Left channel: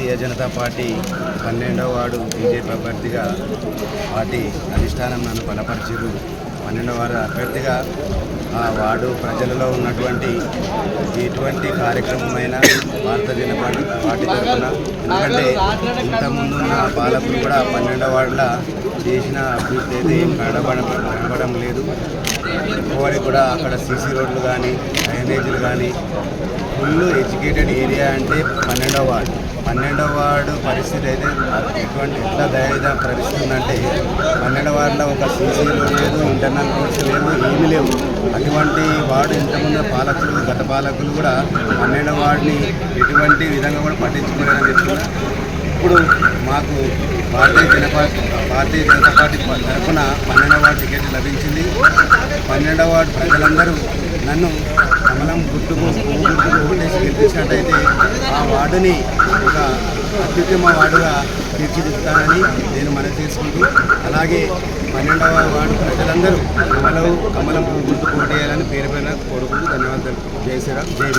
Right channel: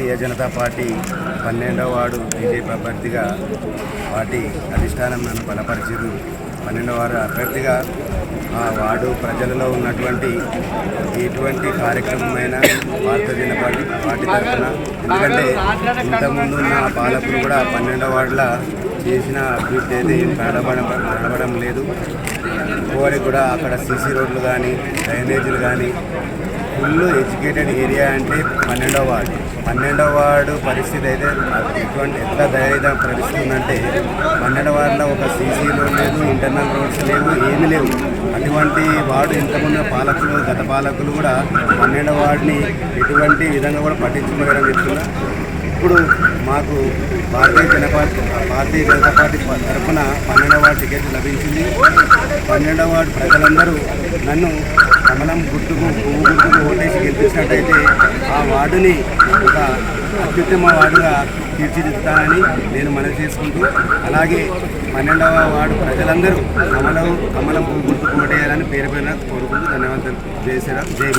Bharatiya Janata party 12వ ward BJP అభ్యర్థిగా party అధిష్టానం నన్ను బలపరిచారు. 12వ వార్డు అభ్యర్థిగా ఆ వార్డు ప్రజలలో ఉన్నటువంటి ఎటువంటి కార్యక్రమమైన భారతీయ జనతా పార్టీ తరఫున, ఎందుకంటే ఇంతకుముందున్న పాలకులు కూడా 12వ వార్డులో చేసిన అభివృద్ధి అయితే ఏం కనబడడం లేదు. ఇంకోటి కూడా అక్కడ సీసీ రోడ్లు కానీ డ్రైనేజీలు కానీ ఫుల్ ఎడ్యుకేటెడ్ ఏరియా అంటే 12వ వార్డు. 12వ వార్డు పరిస్థితి అయితే ఎట్లా దయనీయ పరిస్థితి ఉందంటే 12వ వార్డులో ఒక సీసీ రోడ్ లేదు, ఇంటర్నల్ రోడ్స్ లేవు, ఏమీ లేవు. అటువంటి వార్డు ఇంతకుముందు పాలకులు గత పాలకులు కూడా 12వ వార్డుని ఎటువంటి విధంగా కూడా పట్టించుకోలేరని చెప్తున్నారు. ఇప్పుడు మాకు భారతీయ జనతా పార్టీ తరఫున 12వ వార్డు టికెట్ లభించింది. 12వ వార్డు ప్రజలందరూ నన్ను కమలం పువ్వు గుర్తుకు ఓటేసి గెలిపించినట్టయితే ఆ వార్డుని ఒక అత్యుత్తమ వార్డుగా తీర్చిదిద్దుతానని నేను మనవి చేసుకుంటూ, అలాగే 12వ వార్డు ప్రజలందరూ కమలం పువ్వు గుర్తుకు ఓటేయాలని పేరు పైన కోరుకుంటూ ధన్యవాదాలు. జై శ్రీరామ్, జై